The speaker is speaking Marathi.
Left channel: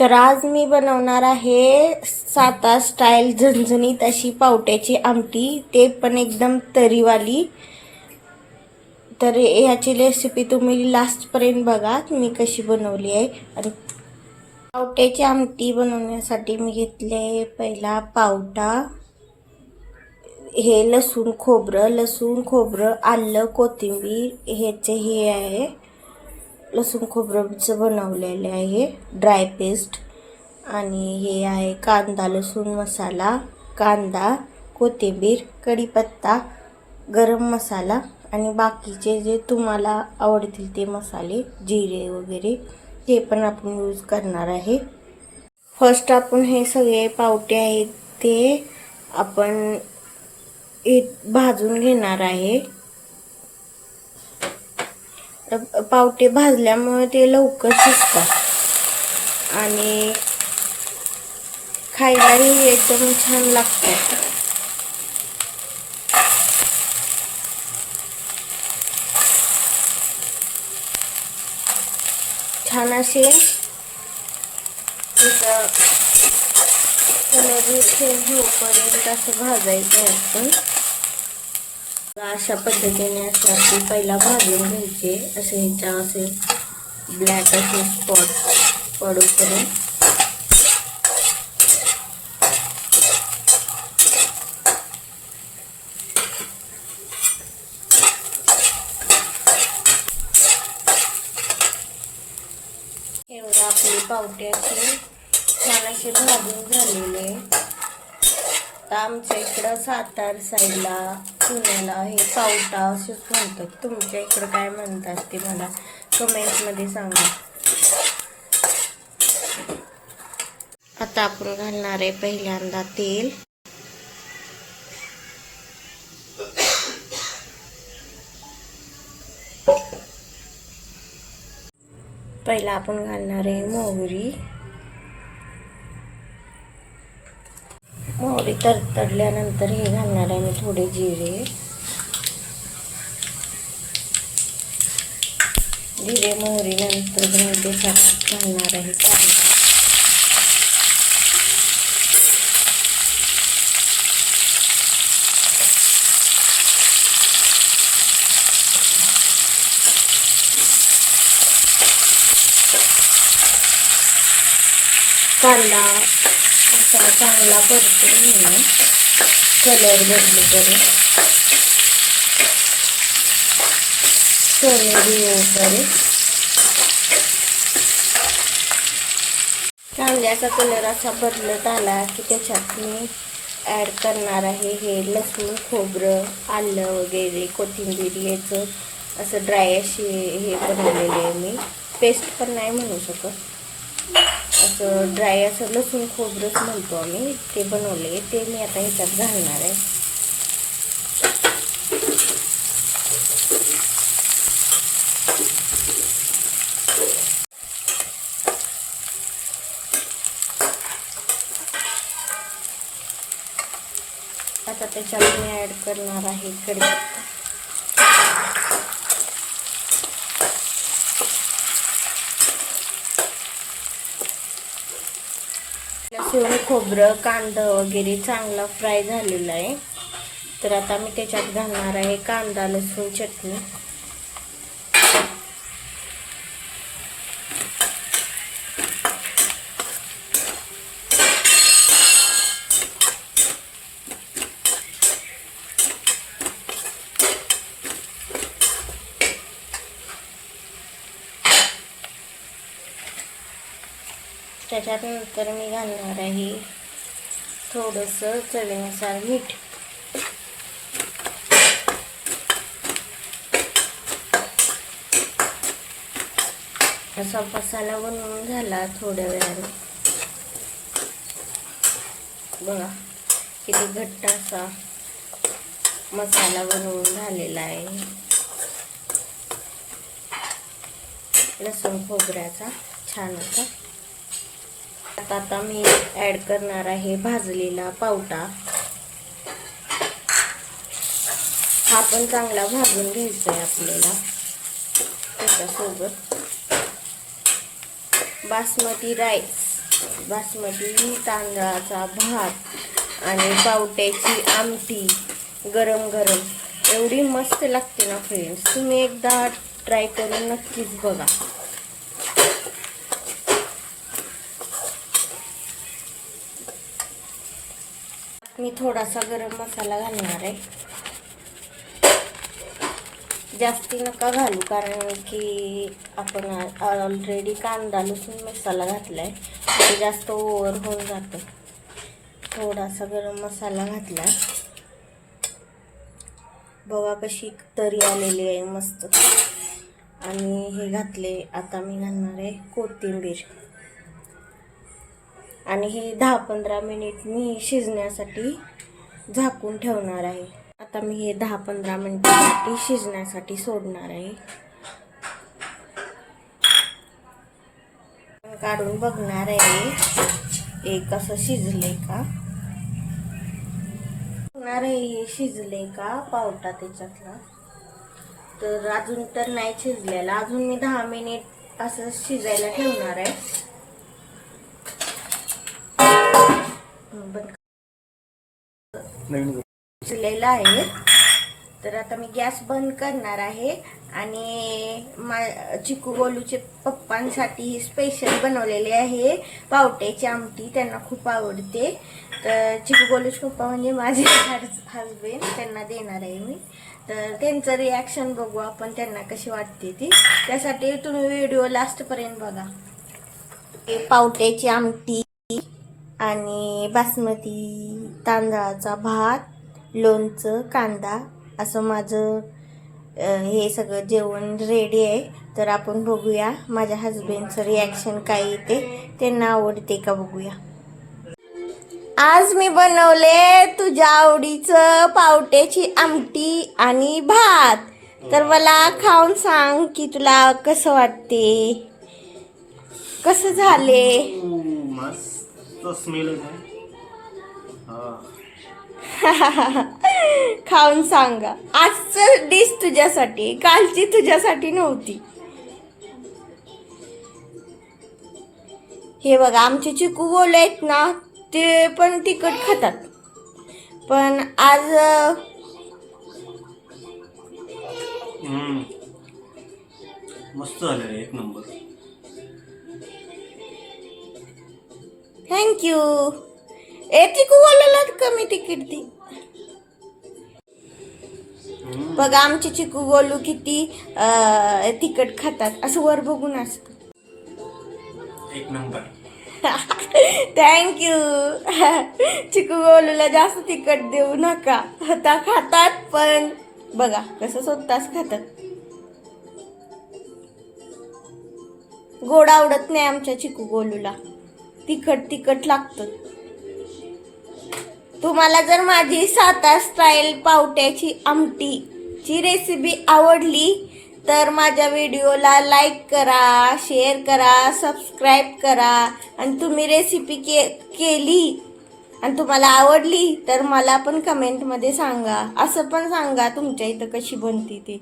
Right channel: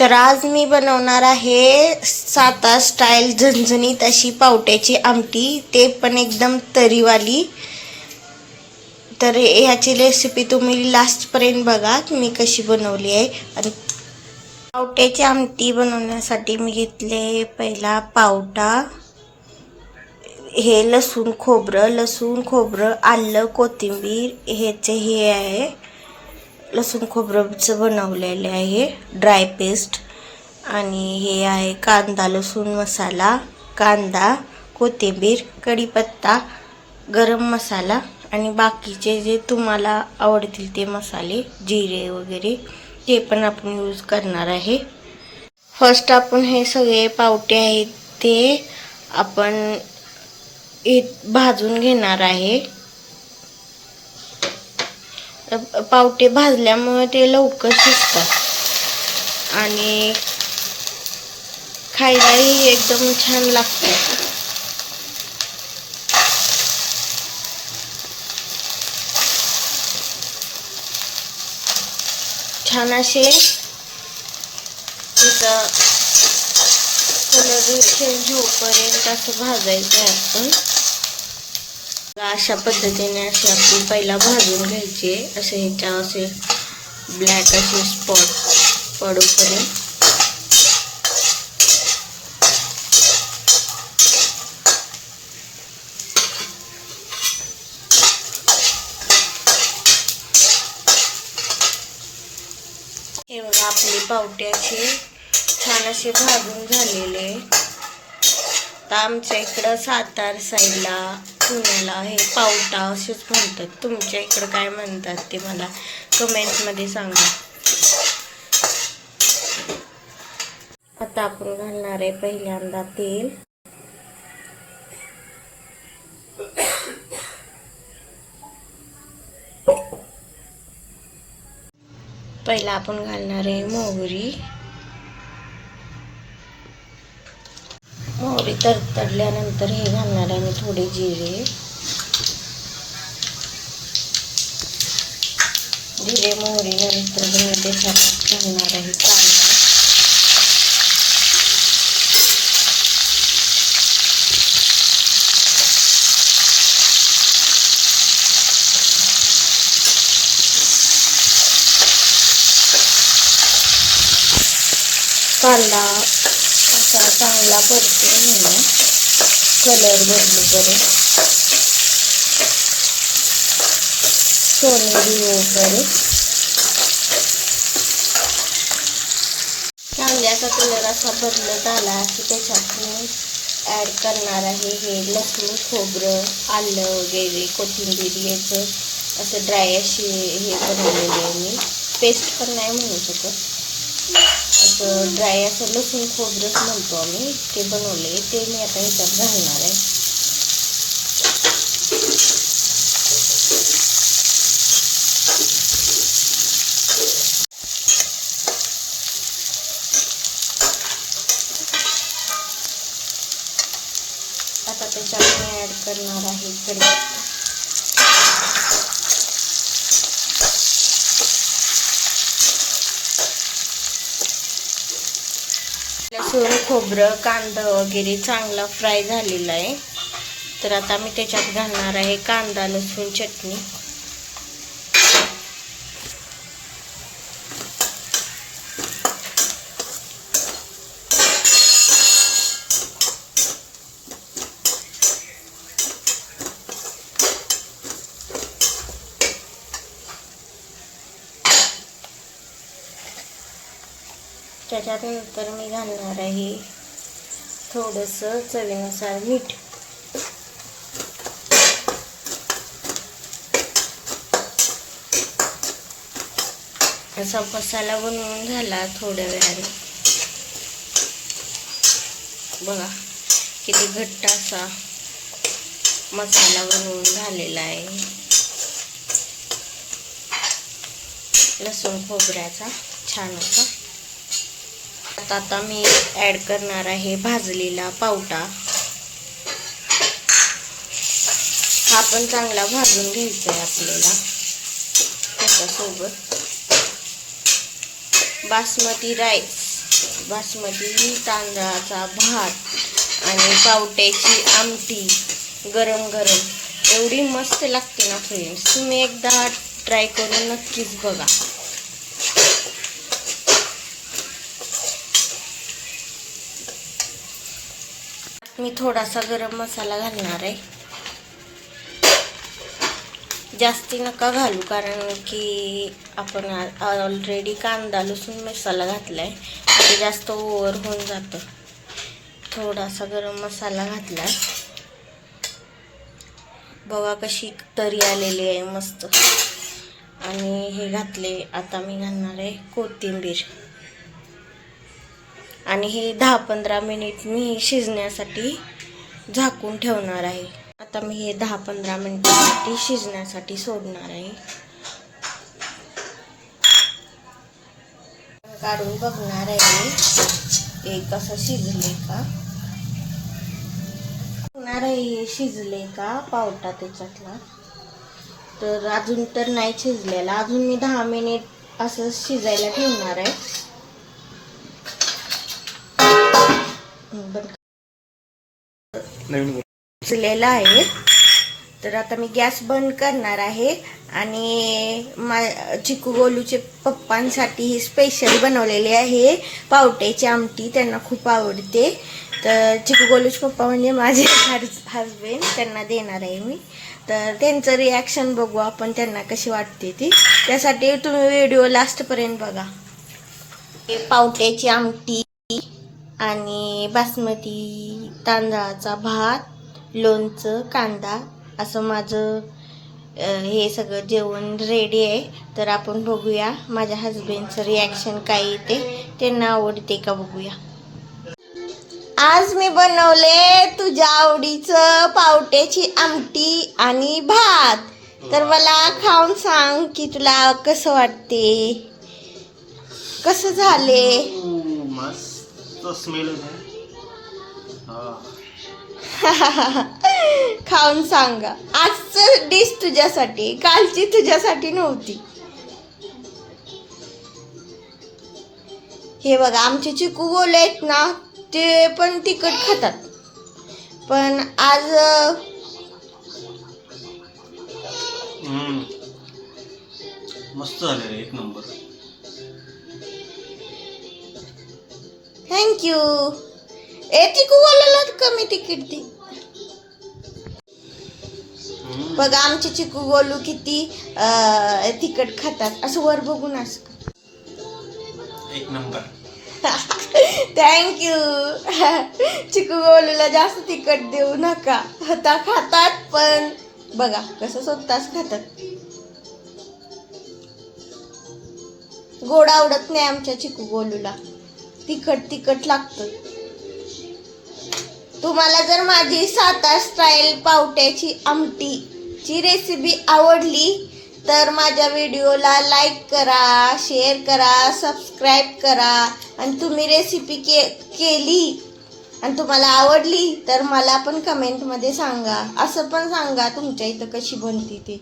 तर आज मी बनवणार आहे सातार स्टाईल झणझणीत अशी पावट्याची आमटी, ते पण एकदम तरीवाली. तर ह्याची रेसिपी तुम्ही लास्टपर्यंत बघा मी कशी बनवली आहे. आणि पावट्याची आमटी बनवण्यासाठी मी घेतले पहिला पावटा, हे लसूण खोबरं, आलं, कोथिंबीर, ह्याचे हे आहे लसूण खोबरंचं बनवलेले आहे ड्राय पेस्ट. आणि हे आहे कांदा लसूण मसाला, कांदा, कोथिंबीर, कढीपत्ता, गरम मसाला आणि बाकीचे जे तुम्हाला आवडतील ते मसाले, जिरे वगैरे ते पण आपण यूज करणार आहे. फर्स्ट आपण हे सगळे पावटे आहेत ते आपण भाजून घेणार आहे. पावटे भाजल्यामुळे ते लवकर शिजतात आणि खायलाही एकदम छान लागतात. छान असे त्याचा कलर चेंज होईपर्यंत असं भाजायचं आहे आपण. अशा पद्धतीने असे आपण पहिला भाजून घ्यायचे, असे ह्याच्या असे ब्लॅक असे स्पॉट पडूपर्यंत. हे बघा आपले पावटे असे छान असे भाजून झालेले. तर आमच्या इकडं सातार साईडला पुण्याला हे पावटा असेच म्हणतात. तुमच्या इकडं काय म्हणतात ते मला कमेंट्समध्ये सांगा. आता आपण घालणार आहे पहिल्यांदा तेल. पहिला आपण घालणार आहे मोहरी. मोहरी तडतडल्यानंतर हे घालणार आहे मी थोडे जिरे मोहरी नंतर मी त्याच्यात घालणार आहे कांदा. कांदा असा चांगला परतून घेणं, कलर बदलूपर्यंत, सोनेरी होईपर्यंत. कांद्याचा कलर असा बदलत आला की त्याच्यात मी ॲड करणार आहे हे लसूण खोबरं, आलं वगैरे, कोथिंबीर याचं असं ड्राय अशी हे बनवलेले आहे मी. पेस्ट पण नाही म्हणू शकत, असं ड्राय असं लसूण खोबरंच म्हणतो आम्ही, ते बनवले. ते मी आता ह्याच्यात घालणार आहे. आता त्याच्यात मी ॲड करणार आहे कढीपत्ता. लसूण खोबरं कांदा वगैरे चांगला फ्राय झालेला आहे. तर आता मी त्याच्यात घालणार आहे कांदा लसूण चटणी. त्याच्यानंतर मी घालणार आहे थोडंसं चवीनुसार मीठ. असा मसाला बनवून झाला थोड्या वेळाने. बघा किती घट्ट असा मसाला बनवून झालेला आहे लसूण खोबऱ्याचा छान असा. आता मी ॲड करणार आहे भाजलेला पावटा. हा पण चांगला भाजून घ्यायचा आहे आपल्याला. त्याच्यासोबत बासमती राईस बासमती तांदळाचा भात आणि पावट्याची आमटी गरम गरम एवढी मस्त लागते ना फ्रेंड्स. तुम्ही एकदा ट्राय करून नक्कीच बघा. मी थोडासा गरम मसाला घालणार आहे. जास्ती नका घालू कारण की आपण ऑलरेडी कांदा लसूण मसाला घातलाय, ते जास्त ओव्हर होऊन जातं. थोडासा गरम मसाला घातला. बघा कशी तरी आलेली आहे मस्त. आणि हे घातले. आता मी घालणार आहे कोथिंबीर आणि हे 10-15 मिनिट मी शिजण्यासाठी झाकून ठेवणार आहे. आता मी हे 10-15 मिनिटांसाठी शिजण्यासाठी सोडणार आहे. काढून बघणार आहे हे कसं शिजले का, बघणार आहे शिजले का पावटा त्याच्यातला. तर अजून तर नाही शिजलेला. अजून मी 10 मिनिट असं शिजायला ठेवणार आहे. शिजलेला आहे. तर आता मी गॅस बंद करणार आहे आणि चिकू गोलूचे पप्पांसाठी ही स्पेशल बनवलेली आहे पावट्याची आमटी. त्यांना खूप आवडते. तर चिकू गोलूचे पप्पा म्हणजे माझे हजबंड, त्यांना देणार आहे मी. तर त्यांचं रिॲक्शन बघू आपण, त्यांना कशी वाटते ती. त्यासाठी तुम्ही व्हिडिओ लास्टपर्यंत बघा. पावट्याची आमटी आणि बासमती तांदळाचा भात, लोणचं, कांदा असं माझं हे सगळं जेवण रेडी आहे. तर आपण बघूया माझ्या हजबंडचं रिॲक्शन काय येते, त्यांना आवडते का बघूया. आज मी बनवले तुझ्या आवडीचं पावट्याची आमटी आणि भात. तर मला खाऊन सांग की तुला कसं वाटते, कसं झाले. मस्त स्मेल आहे. खाऊन सांगा. आजचं डिश तुझ्यासाठी, कालची तुझ्यासाठी नव्हती. हे बघा आमचे चिकू गोले आहेत ना, ते पण तिखट खातात. पण आज मस्त झाले, एक नंबर. थँक्यू. चिकू गोल्याला कमी तिकीट दे. बघा आमचे चिकू गोलू किती तिखट खातात. असं वर बघून असं एक नंबर. थँक्यू. चिकू गोलूला जास्त तिखट देऊ नका. आता खातात पण बघा कसं स्वतःच खातात. गोड आवडत नाही आमच्या चिकू गोलूला, तिखट लागतं. तुम्हाला जर माझी सातार स्टाईल पावट्याची आमटीची रेसिपी आवडली तर माझ्या व्हिडिओला लाईक करा, शेअर करा, सबस्क्राईब करा. आणि तुम्ही रेसिपी केली आणि तुम्हाला आवडली तर मला पण कमेंटमध्ये सांगा. असं पण सांगा तुमच्या इथं कशी बनते ते.